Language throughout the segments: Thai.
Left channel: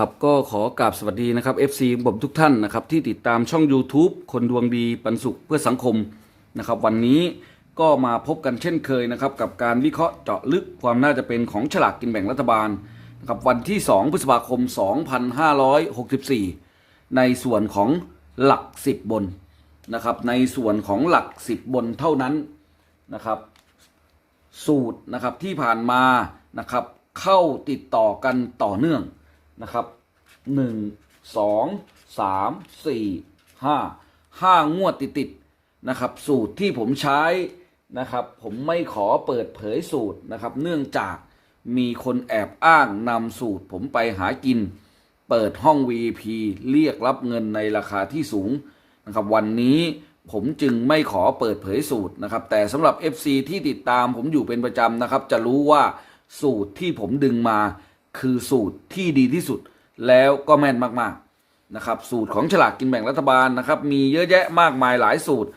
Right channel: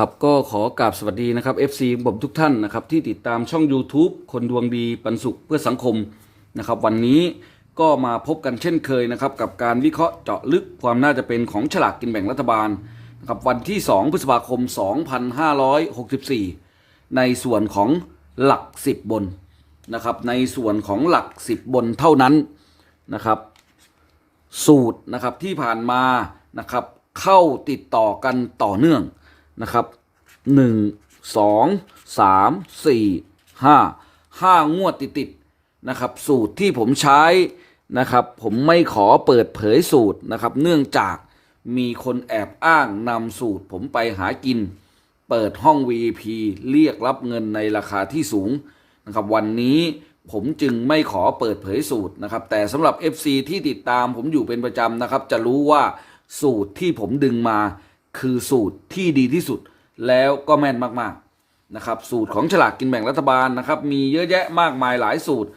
ครับก็ขอกราบสวัสดีนะครับ FC ผมทุกท่านนะครับที่ติดตามช่อง YouTube คนดวงดีปันสุขเพื่อสังคมนะครับวันนี้ก็มาพบกันเช่นเคยนะครับกับการวิเคราะห์เจาะลึกความน่าจะเป็นของฉลากกินแบ่งรัฐบาลนะครับวันที่ 2 พฤษภาคม 2564 ในส่วนของหลัก 10 บนนะครับในส่วนของหลัก 10 บนเท่านั้นนะครับสูตรนะครับที่ผ่านมานะครับเข้าติดต่อกันต่อเนื่อง นะครับหนึ่งสองสามสี่ห้าห้างวดติดติดๆนะครับ สูตรที่ผมใช้นะครับ ผมไม่ขอเปิดเผยสูตรนะครับ เนื่องจากมีคนแอบอ้างนำสูตรผมไปหากิน เปิดห้อง VIP เรียกรับเงินในราคาที่สูงนะครับ วันนี้ผมจึงไม่ขอเปิดเผยสูตรนะครับ แต่สำหรับ FC ที่ติดตามผมอยู่เป็นประจำนะครับ จะรู้ว่าสูตรที่ผมดึงมา คือสูตรที่ดีที่สุด แล้วก็แม่นมากๆนะครับ สูตรของฉลากกินแบ่งรัฐบาลนะครับ มีเยอะแยะมากมายหลายสูตร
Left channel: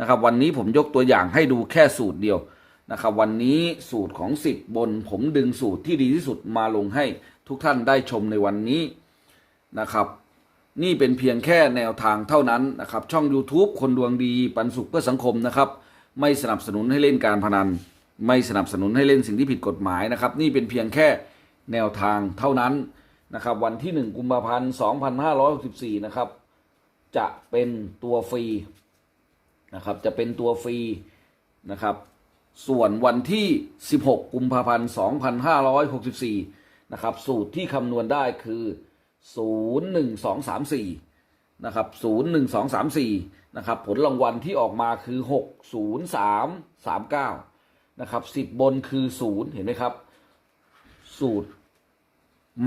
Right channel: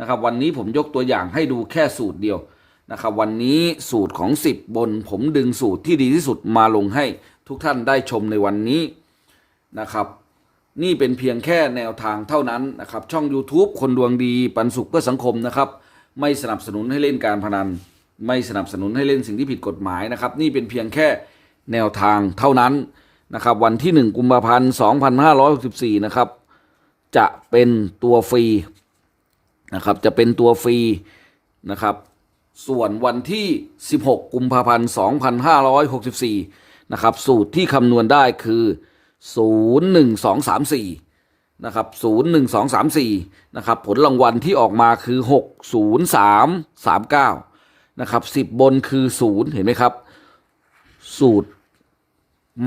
นะครับ วันนี้ผมยกตัวอย่างให้ดูแค่สูตรเดียวนะครับ วันนี้สูตรของ 10 บน ผมดึงสูตรที่ดีที่สุดมาลงให้ทุกท่านได้ชมในวันนี้นะครับ นี่เป็นเพียงแค่แนวทางเท่านั้นนะครับ ช่อง YouTube คนดวงดีปันสุขเพื่อสังคมนะครับ ไม่สนับสนุนให้เล่นการพนัน ไม่สนับสนุนให้เล่นสิ่งที่ผิดกฎหมายนะครับ นี่เป็นเพียงแค่ แนวทางเท่านั้นนะครับ วันที่ 1 กุมภาพันธ์ 2564 นะครับ จะเป็นตัวฟรีนะครับจะเป็นตัวฟรีนะครับส่วนวันที่ 16 กุมภาพันธ์ 2564 นะครับ สูตรที่คำนวณได้คือ 01234 นะครับ 01234 นะครับ ผลรางวัลที่ออกมาคือ 60339 นะครับ 10 บนคือ 0 เห็นไหมครับ สูตร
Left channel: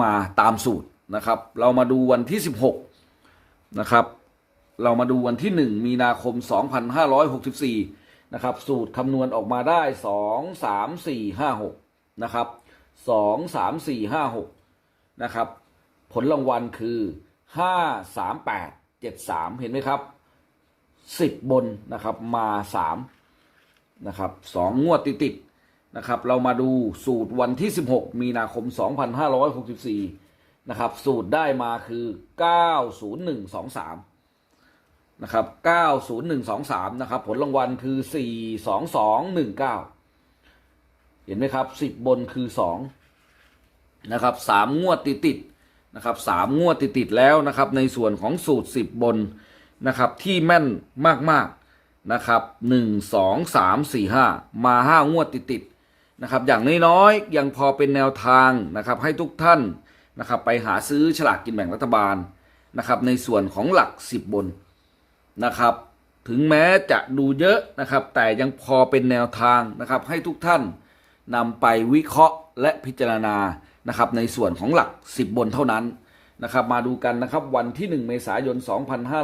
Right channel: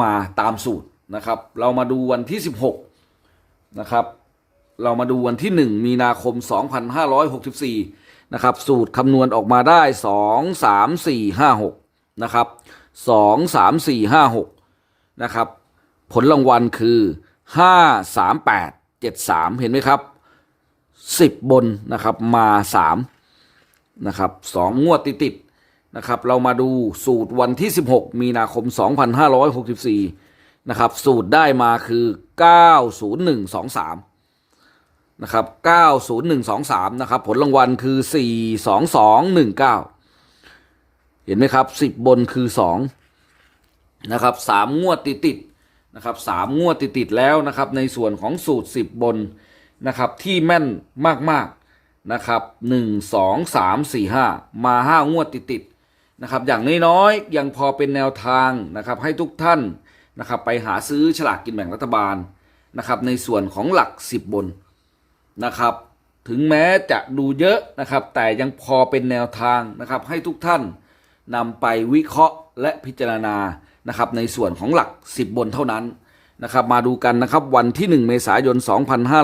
มาตามสูตรนะครับ เรามาดูวันที่ 16 นะครับ เรามาดูวันที่ 1 มีนาคม 2564 นะครับ สูตรคำนวณออกมาได้ 2 3 4 5 6 นะครับ 2 3 4 5 6 นะครับ ผลรางวัลคือ 5 3 8 7 3 เห็นไหมครับ 10 บนนะครับมา 3 นะครับสองงวดติดๆ นะครับเรามาดูสูตรวันที่ 16 มีนาคม 2564 นะครับ สูตรได้มาคือ 90123 นะครับ 90123 นะครับ ผลรางวัลคือ 42219 เห็นไหมครับ 10 บนคือ 2 นะครับ 3 งวดติดๆนะครับ 3 งวดติดๆแล้วนะครับ ในส่วนของสูตร 10 บนนะครับ ที่แม่นมาก ๆนะครับ 1 2 3 4 5 มา 5 งวดติดๆ นะครับอย่างน้อยๆยังพอเป็นแนวทางนะครับให้ทุกท่านนะครับไปหาซื้อฉลากกินแบ่งรัฐบาลนะครับในส่วนของหลัก 10 บนนะครับ ถึงแม้จะดูเยอะนะครับ แต่ยังพอเป็นแนวทางนะครับให้ทุกท่านนำไปวิเคราะห์และพิจารณานะครับในส่วนของหลัก 10 บนเท่านั้นนะครับมาดูกันนะครับวันที่ 1 เมษายน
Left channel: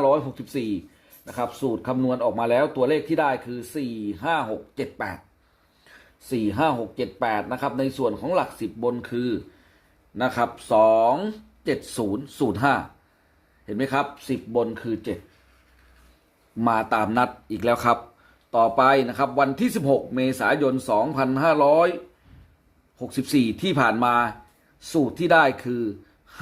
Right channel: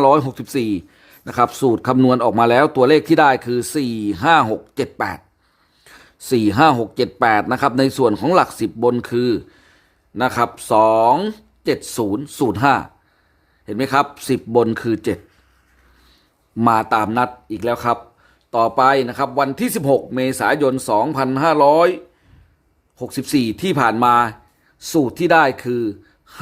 2564นะครับสูตรคำนวณออกมาแล้วตัวเลขที่ได้คือ 4 5 6 7 8 4 5 6 7 8 นะครับ ในส่วนของหลัก 10 บนคือนะครับ 2 7 0 0 5 เห็นไหมครับ 10 บนคือ 7 มาตามนัดอีกแล้วครับ ต่อไปนะครับวันที่ 16 เมษายน 2564 ที่ผ่านมาสูตรที่ได้คือ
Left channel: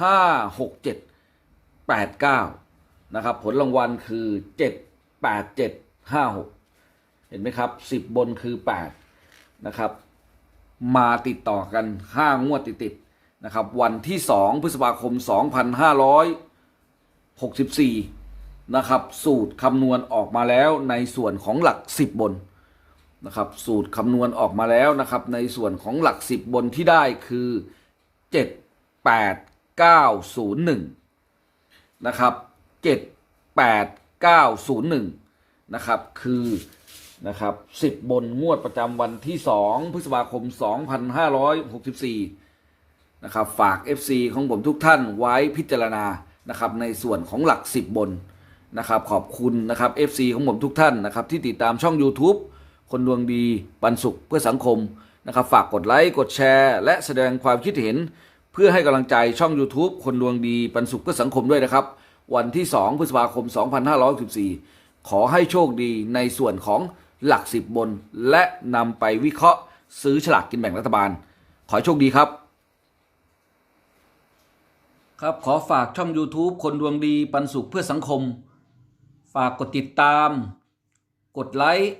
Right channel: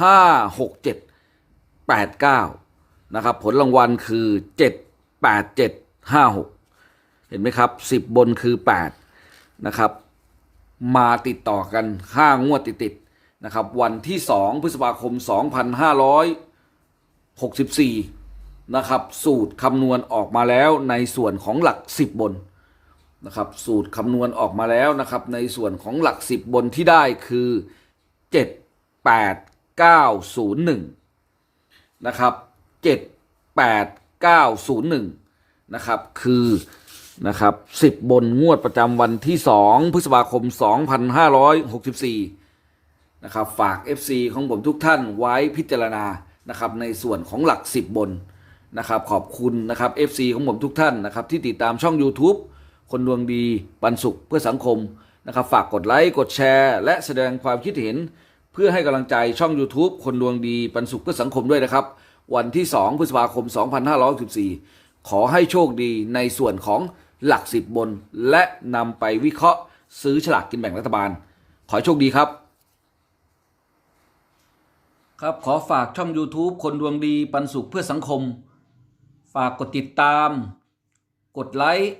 5 6 7 8 9 นะครับ ผลรางวัลคือ 7 8 7 5 6 เห็นไหมครับ 10 บนคือ 8 นะครับ มาติดต่อกัน 5 งวดติดๆนะครับ วันที่ 2 พฤษภาคม 2564 นะครับ สูตรคำนวณออกมาแล้วในส่วนของหลัก 10 บนนะครับ สูตรคำนวณออกมาแล้วนะครับ ในส่วนของหลัก 10 บนที่ได้คือ 7 8 9 0 1 นะครับ 7 8 9 0 1 นะครับ คือ นะครับ10บนงวดประจำวันที่2พฤษภาคม 2564นะครับฝาก FC ของผมทุกท่านไว้พิจารณานะครับในส่วนของหลัก 10 บนนะครับขอบคุณนะครับ FC ของผมทุกท่านนะครับที่ติดตามช่อง YouTube คนดวงดีปันสุขเพื่อสังคมนะครับฝากกดไลค์กดแชร์ และแสดงความคิดเห็น เพื่อให้กำลังใจช่อง YouTube คนดวงดีปันสุขเพื่อสังคมด้วยนะครับ วันที่ 2 พฤษภาคม 2564ขอให้โชคดีในส่วนของ หลัก10บบน และนำไปวิเคราะห์ซื้อฉลากกินแบ่งรัฐบาล ขอโชคดีครับ ครับขอฝากช่อง YouTube คนดวงดีปันสุขเพื่อสังคม ฝากกดติดตาม กดไลค์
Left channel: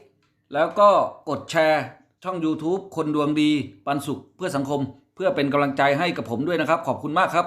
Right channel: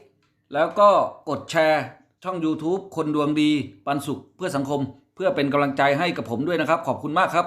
แล้วก็กดแชร์ช่อง YouTube คนดวงดีปันสุขเพื่อสังคม เพื่อเป็นกำลังใจให้กับผมด้วยนะครับ ขอบคุณมากครับ